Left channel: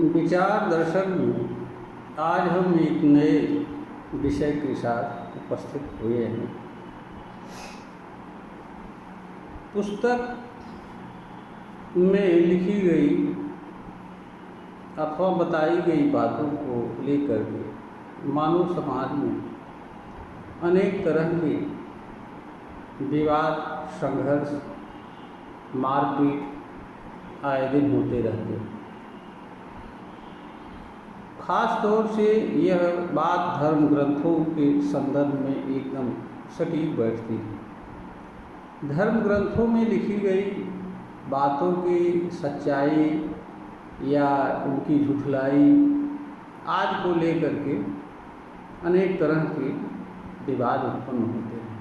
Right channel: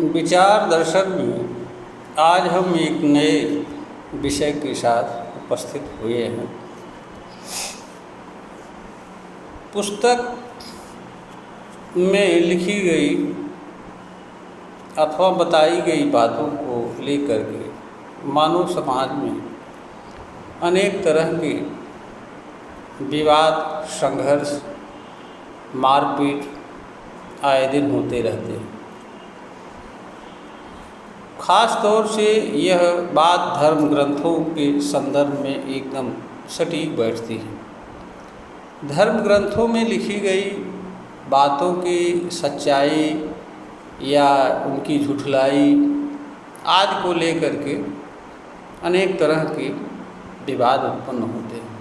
विचार दर्शन में आज हम एक नए विषय के साथ उपस्थित हुए हैं। पुस्तक में लिखी गई अथवा बताई गई बातों को लेकर के मानव समाज में अनेक तरह के विवाद, संघर्ष, मारपीट आए दिन होते रहते हैं। ख़ास तौर से यह बात धर्म ग्रंथों के संदर्भ में एकदम सटीक बैठती है। धर्म ग्रंथों में लिखी गई बातों की सच्चाई या उनकी झुठलाई आदि को लेकर के अनेक तरह के विवाद उत्पन्न होते हैं।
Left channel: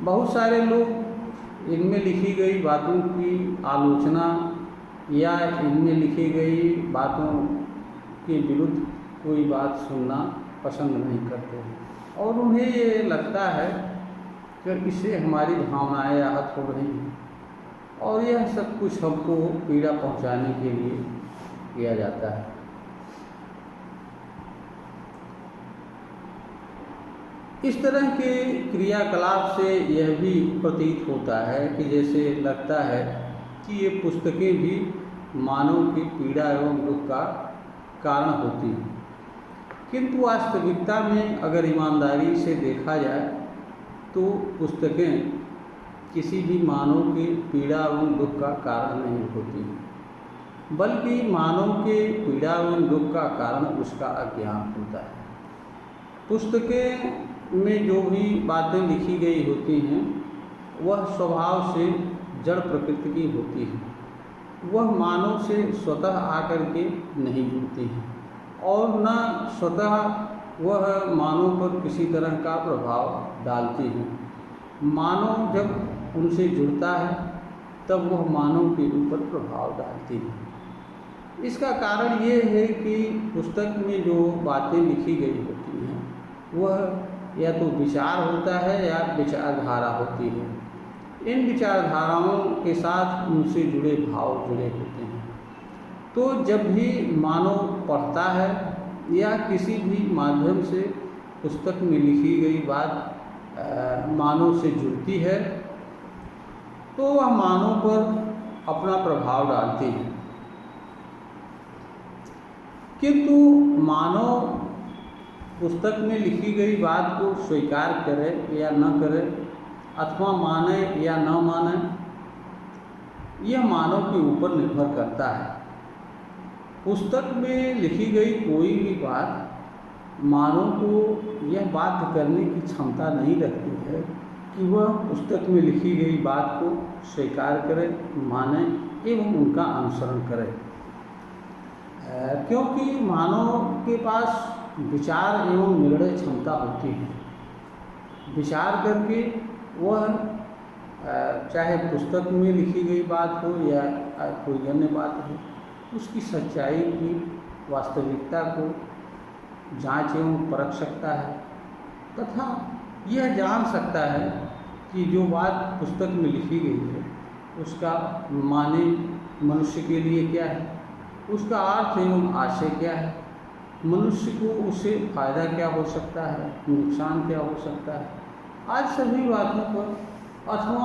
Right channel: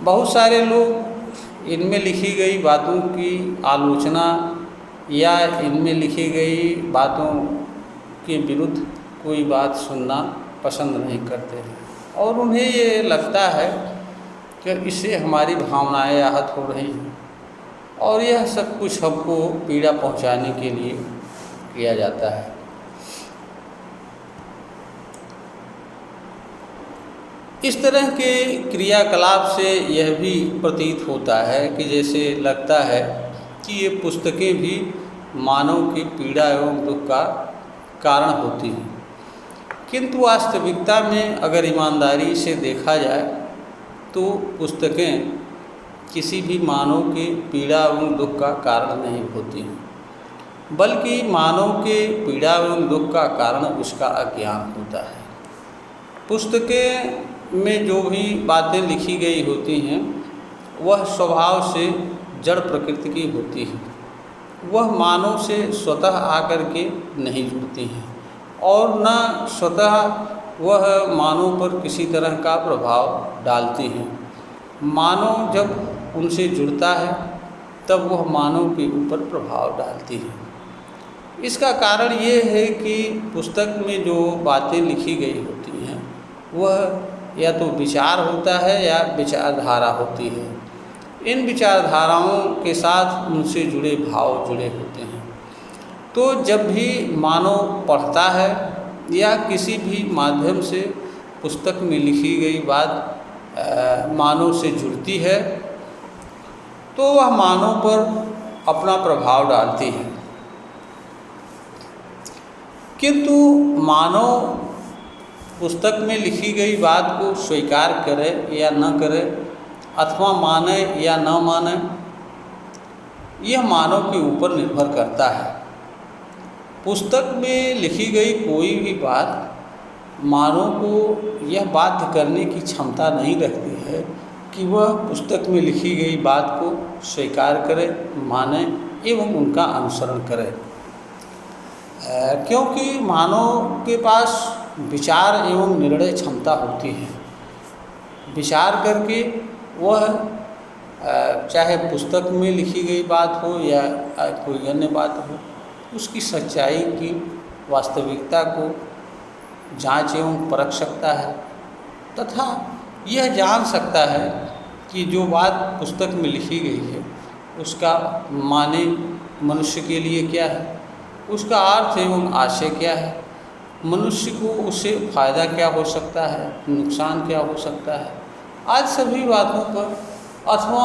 बहुत सारे लोग इनमें लिखी गई बातों की आलोचना या इनमें लिखी गई बातों के विरुद्ध कोई बात सुनना पसंद नहीं करते हैं और उन्हें ये लगता है कि इससे हमारी भावनाएं आहत हो रही हैं और यह सब कुछ हमको पीड़ा पहुंचाने के लिए किया जाता है। इस तरह के क्रियाकलाप से यह भी प्रतीत होता है कि जैसे लगता है कि ये पुस्तकें भी मानव की पीड़ा एवं दुख का कारण होती हैं, किंतु वास्तविकता में अगर ईमानदारी से देखा जाए तो पुस्तकें किसी भी मानव की पीड़ा एवं दुख का कारण नहीं होती हैं, बल्कि मानव के पीड़ा एवं दुख का कारण उसका अज्ञान होता है। पुस्तकें में जो भी बातें लिखी गई होती हैं वह स्वभाव से जड़ प्रकृति की होती है। वह मानव से स्वतः आकर के नहीं जुड़ती हैं और न स्वतः वह मानव पर किसी तरह का प्रभाव डालती हैं। मानव जब उनसे जुड़ता है तब वह मानव के ऊपर प्रभाव डालती हैं। इसका कारण ये है कि पुस्तक में जो बातें लिखी गई होती हैं वह या तो विचार होता है या विचारधारा होती है। इन विचारधाराओं के साथ उनसे जुड़े भाव जुड़े होते हैं। तो जब भी मानव पढ़ता है या किसी भी माध्यम से पुस्तक में लिखी गई बात मानव से जुड़ती है तो वह मानव पर अपना प्रभाव डालती है। किंतु मानव पुस्तक में लिखी गई बात को स्वीकार करे या न करे अथवा माने या न माने, यह मानव के ऊपर निर्भर करता है। पुस्तक में लिखी गई कोई भी बात मानव को यह बाध्य करने की क्षमता नहीं रखती है कि वह पुस्तक में लिखी गई बात को स्वीकार करे, माने एवं उनका अनुसरण करे, क्योंकि मानव के पास विचार एवं निर्णय क्षमता होती है। विचार करके वह चाहे पुस्तक में लिखी गई बात हो या कोई अन्य बात हो, उसकी सच्चाई की वास्तविकता को जांच एवं परख सकता है तथा यह जान सकता है कि जो बात पुस्तक में लिखी गई है उसका माने मनुष्य के लिए क्या है, उसका अर्थ एवं आशय क्या है, मनुष्य को उससे फ़ायदा क्या हो सकता है, नुकसान क्या हो सकता है, आज सभी बातों पर अथवा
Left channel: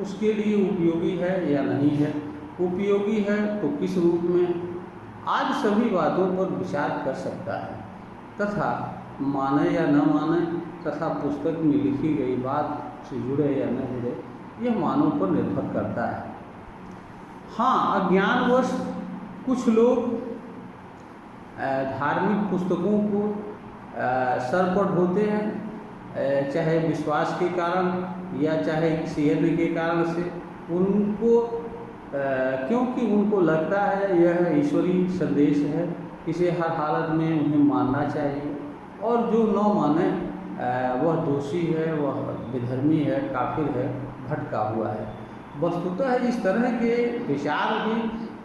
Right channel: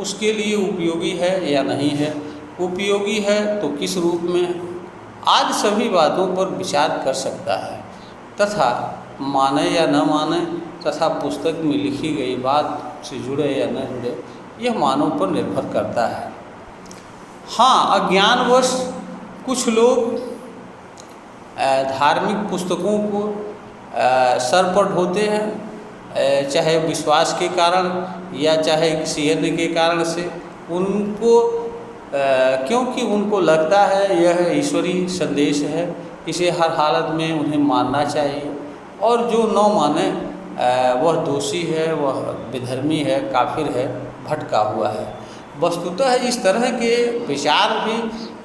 उसके लिए उपयोगी है या नहीं है, उपयोगी है तो किस रूप में, आज सभी बातों पर विचार कर सकता है तथा माने या न माने तथा पुस्तक में लिखी गई बात से जुड़े या न जुड़े यह मानव पर निर्भर करता है। हाँ, अज्ञानवश कुछ लोग धार्मिक पुस्तकों को सर पर ढोते हैं, चाहे विश्वास के कारण या चाहे किसी अन्य के कारण से उनको, क्योंकि उनको लगता है यह ईश्वरीय संदेश है, इसे हर हालत में उन्हें मानना चाहिए और जो न माने वह दोषी है, वह विधर्मी है, काफिर है, भटका हुआ है। वस्तुतः इस तरह के विचार भी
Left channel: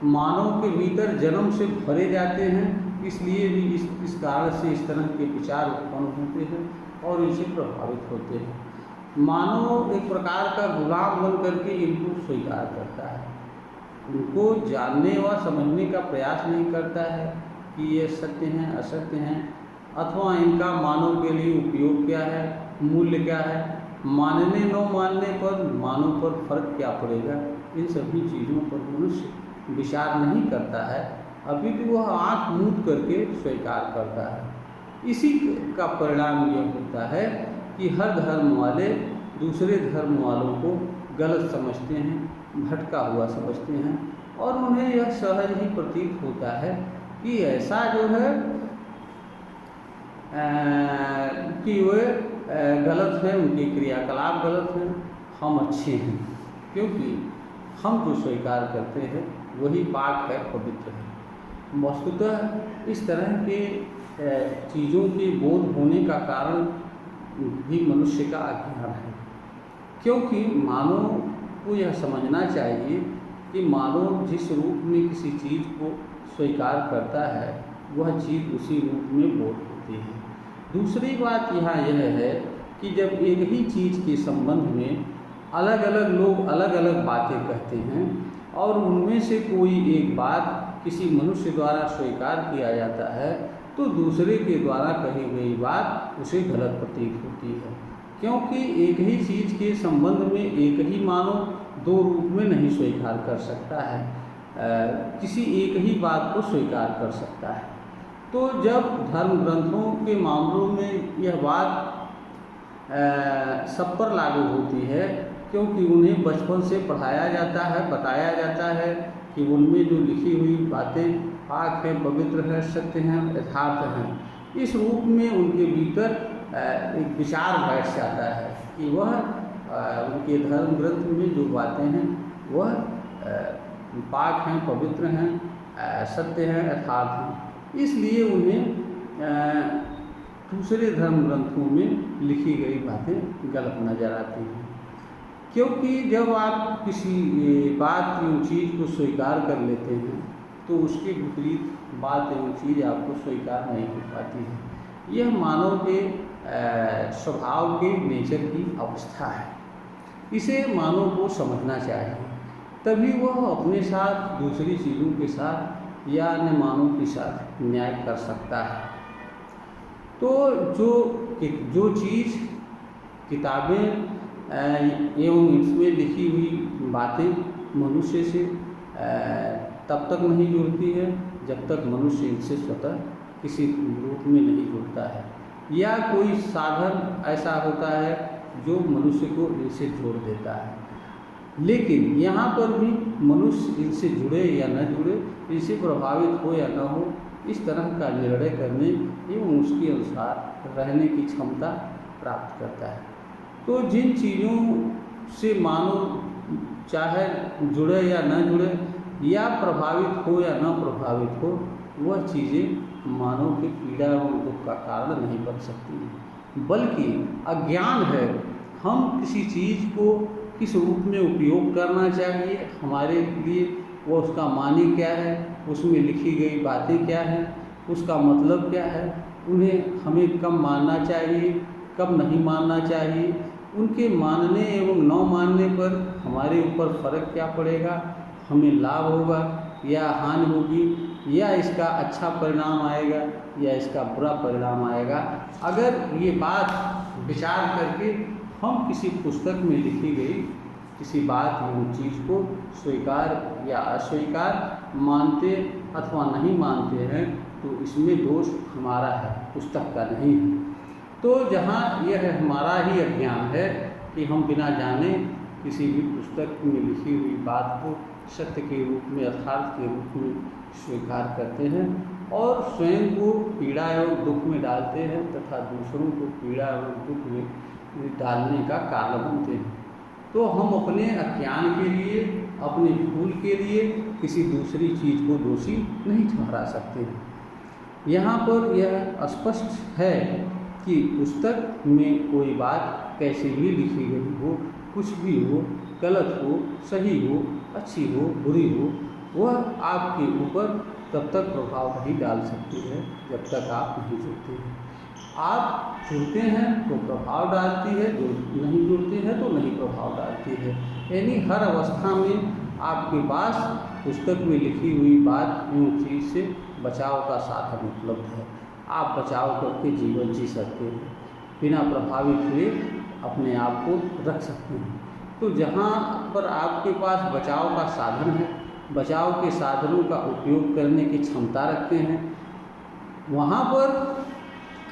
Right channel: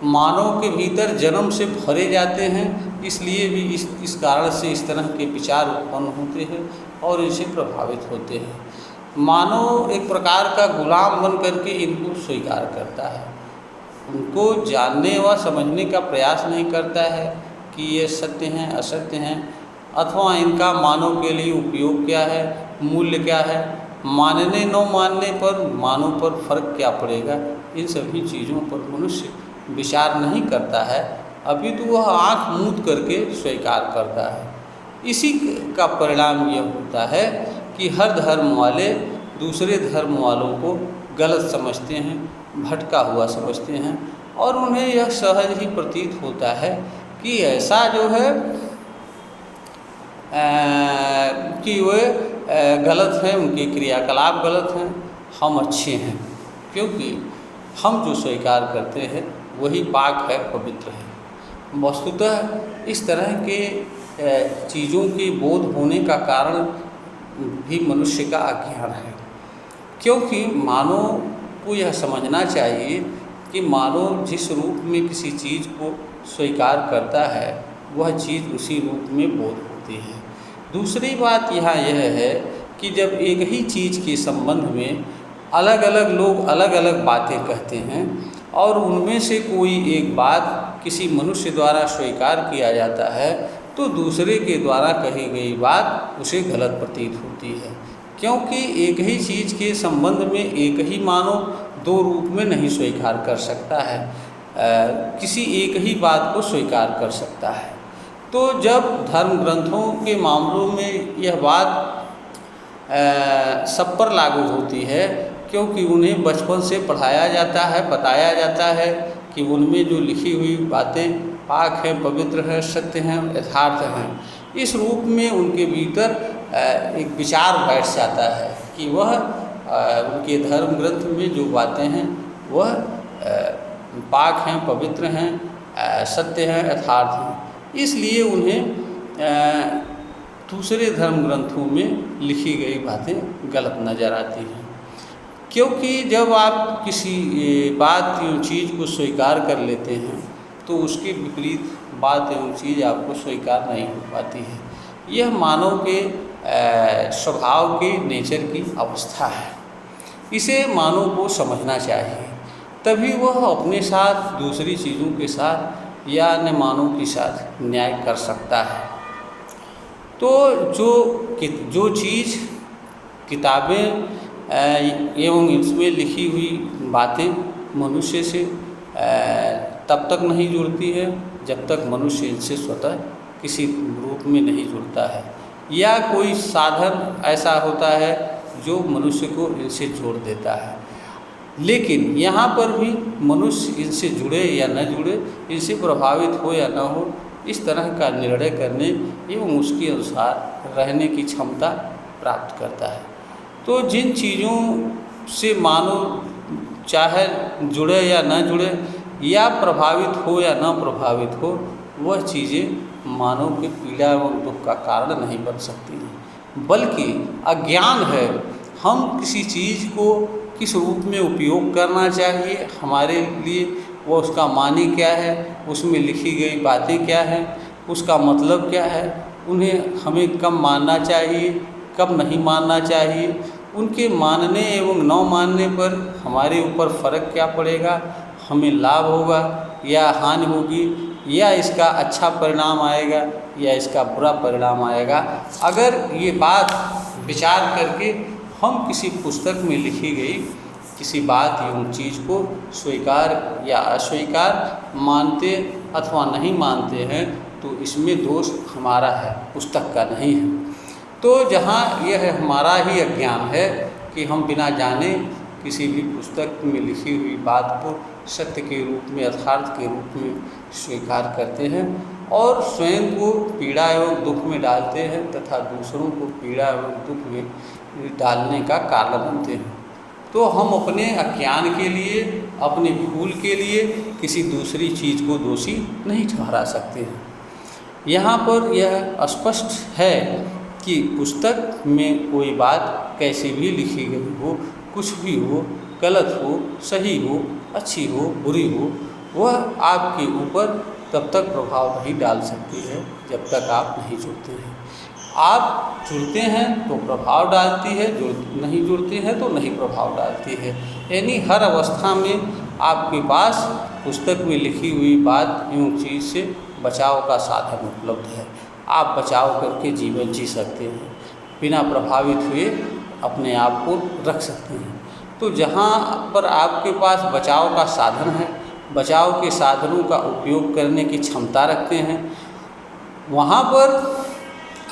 मानव के भीतर जन्म से भरे जाते हैं, इसलिए भी इस कारण से इस तरह के विचार उत्पन्न होते हैं और इनसे प्रभावित होते हैं। मानव एक प्रकार का गुलाम बन करके इनको स्वीकार करता है। उनको जानने व समझने का प्रयास नहीं करता है कि ये सत्य हैं असत्य हैं, अथवा इनका मानव के लिए उपयोग क्या है, मूल्य क्या है, मानने न मानने पर मानव पर फर्क क्या पड़ेगा, इन सभी चीज़ों पर मनुष्य विचार नहीं करता है। अभी तो वह आँख मूंद करके स्वीकार करता है। इसी का परिणाम यह होता है कि हर धर्म वाले दूसरे धर्म वालों को गलत समझते हैं, भटका हुआ समझते हैं, और उन्हें यह सहज ही प्रतीत होता है कि ऐसा जो है कि वे गलत हैं, उनके क्रियाकलाप गलत हैं, हम अच्छे हैं, क्योंकि हम जो स्वीकार करते हैं वही पाक है, पवित्र है। वस्तुतः इस तरह के चीज़ों के बोध होने का कारण भी मनुष्य का अज्ञान है, क्योंकि मानव को यह समझना चाहिए कि मानव जिस रूप में किसी चीज़ को स्वीकार करता है वह चीज़ उसी रूप में बोध होती है। दूसरी बात यहाँ यह है कि जब एक ही चीज़ के संबंध में अलग अलग लोग अलग अलग बातें कहते हैं और उनमें से कोई एक बात किसी मनुष्य द्वारा स्वीकार किया जाता है तो दूसरे के द्वारा कही गई बात उसे गलत प्रतीत होती है, क्योंकि एक ही चीज़ के संबंध में एक ही मानव दो रूप में नहीं स्वीकार कर सकता है, किसी एक ही बात को स्वीकार कर सकता है। तो जब धर्म ग्रंथों के मामलों में यह बात सब पर लागू होती है, क्योंकि उन्हें बचपन से पढ़ाया जाता है, बताया जाता है कि उनमें जो लिखी हुई बातें पाक हैं, पवित्र हैं, सत्य हैं, यथार्थ हैं। इस रूप में उनके भीतर एक विचार बैठ जाता है कि वह उनके धर्म ग्रंथ में जो बातें हैं वह पाक हैं, पवित्र हैं, सत्य हैं, यथार्थ हैं। इसलिए उन्हें दूसरे धर्म ग्रंथों में लिखी गई बातें गलत नज़र आती हैं, क्योंकि जब आप किसी बात या चीज़ को स्वीकार कर लेते हैं तो उसके विपरीत बात एवं चीज़ आपको स्वीकार नहीं हो पाती है। यह मानव के स्वभाव के नेचर की अवस्था है। इसे मानव को समझना चाहिए, तभी वह अपने साथ दूसरी चीज़ों के साथ या अन्य मानव के साथ न्याय कर सकता है। तो जो चीज़ किताबें एवं इसमें लिखी हुई बातें मनुष्य से तब तक नहीं जुड़ती है जब तक मनुष्य इनसे स्वतः किसी रूप में नहीं जुड़ता है, या कोई साधन ऐसा होता है जो मनुष्य को इनसे जोड़ देता है। लेकिन यहाँ पर भी मनुष्य इनसे जुड़े या न जुड़े, इनसे प्रभावित हो या न हो, इस तरह का निर्णय करने एवं उसके अनुसार रहने की क्षमता प्राप्त करता है। तो जिन चीज़ों से मानव चाहे जुड़े या न जुड़े, या प्रभावित हो या न प्रभावित हो, वह चीज़ें मानव के पीड़ा एवं दुख का कारण नहीं बन सकती हैं, बल्कि अज्ञान है। हम किसी चीज़ को किस रूप में उपयोग करना चाहिए, हमारे लिए वो उसका माने क्या है, उसमें लिखी गई बातें क्या हैं, उसका मतलब क्या है, उन्हें हमें कब मानना चाहिए, कब नहीं मानना चाहिए, उनके मानने एवं न मानने पर हमारे ऊपर फ़र्क क्या पड़ेगा, हमें लाभ होगा या हानि होगी, या इसका अच्छा परिणाम आएगा या इसका बुरा परिणाम आएगा। अगर ये बात विचार करके हम किसी पुस्तक में लिखी गई किसी बात एवं चीज़ को स्वीकार या अस्वीकार मानते अथवा नहीं मानते हैं तो इसमें दोष हमारा है, पुस्तक का नहीं है। तो जहाँ यह हमारा ही अज्ञान है कि हम बिना जाने किसी भी पुस्तक में लिखी हुई बात को सत्य के रूप में, यथार्थ के रूप में स्वीकार करते हैं और स्वयं को पीड़ा एवं दुख में डालते हैं तथा दूसरों को पीड़ा एवं दुख में डालने का कारण बनते हैं। तो हम अपने अज्ञान के लिए, अपनी भूल के लिए किसी दूसरी चीज़ को दोषी नहीं ठहरा सकते हैं। यहाँ पर यह स्पष्ट है कि पुस्तक में कोई बात कैसी भी लिखी गई हो, कुछ भी हो, गलत हो, सही हो, अच्छी हो, बुरी हो, वह आपके ऊपर तब तक प्रभाव नहीं डाल सकती है जब तक आप नहीं जुड़ते हैं। आप जुड़ते हैं तो प्रभाव डालती है, नहीं जुड़ते हैं तो नहीं प्रभाव डालती है। यानी हर अवस्था में आपके पास पुस्तक में लिखी हुई बात एवं चीज़ से बचाव का साधन उपलब्ध है। आप बचाव करके जीवन जी सकते हैं, बिना प्रभावित हुए अपने आप को रख सकते हैं। तो जहाँ पर आपके पास बचाव का साधन है, बचाव के साधनों का उपयोग करने की क्षमता रखते हैं, वहाँ पर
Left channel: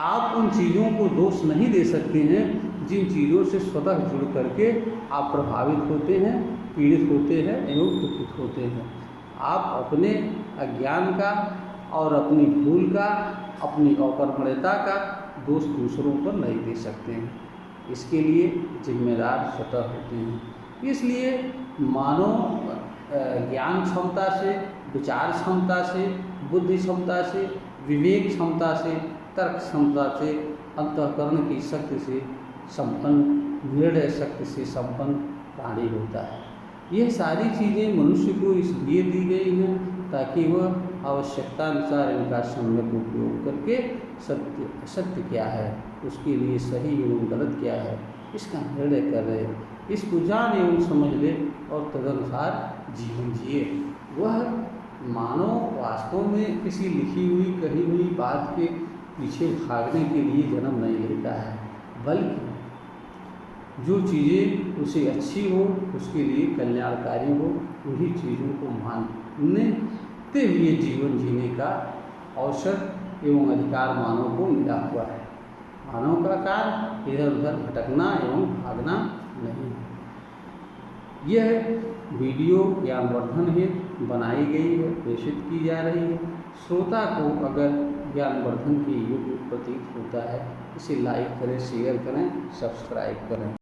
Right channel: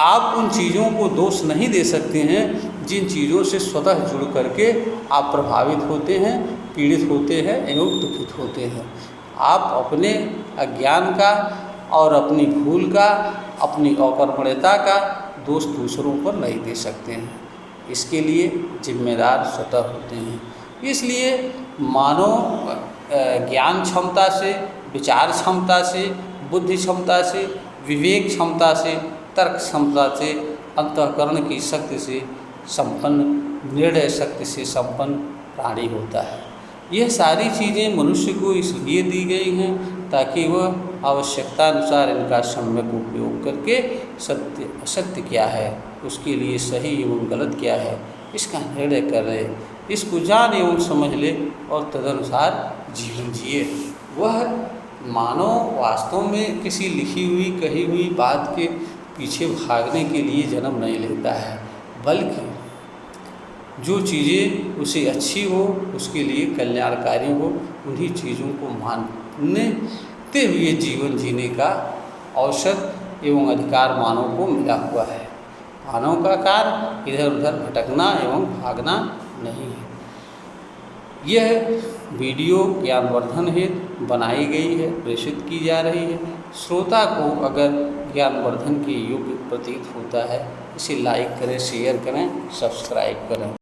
आप उन चीज़ों को दोष नहीं दे सकते हैं जिन चीज़ों से स्वतः जुड़ करके आप प्रभावित होते हैं, पीड़ित होते हैं एवं दुखित होते हैं। आप अपने अज्ञान का और अपनी भूल का, अपनी अकर्मण्यता का दोष दूसरों पर नहीं दे सकते हैं। इसके लिए जिम्मेदार स्वतः होते हैं। इसलिए मानव ज्ञान क्षमता से, विचार क्षमता से, बुद्धि क्षमता से, विवेक क्षमता से, तर्क क्षमता से, अंतःकरण की शक्ति से संपन्न, निर्णय शक्ति से संपन्न प्राणी होता है। यह सारी चीज़ें मनुष्य को इसलिए दी गई हैं ताकि वह आवश्यकता अनुसार इनका सम्यक उपयोग करके सत्य असत्य क्या है, उसके लिए सही एवं गलत क्या है, इसका निर्णय कर ले, इसको जान एवं समझ ले और तदनुसार जीवन जिए। वह मानव वास्तव में किसी लिखी हुई, कही हुई बात के पीछे भागने के लिए जन्म नहीं लेता है, बल्कि जो चीज़ें उसे अच्छी हो, उसके लिए कल्याणकारी हो, उन्हीं चीज़ों को मानते हुए जीवन जीने का अवसर एवं अधिकार मानव को मिला हुआ है। मानव का कार्य इधर उधर भटकना एवं भागना नहीं है। यह वीडियो ज्ञानवर्धन हेतु बनाई गई है, प्रेषित की जा रही है। श्रोता को अगर ज्ञानवर्धन के योग्य प्रतीत होता है, इसे लाइक करें, शेयर करें, सब्सक्राइब करें।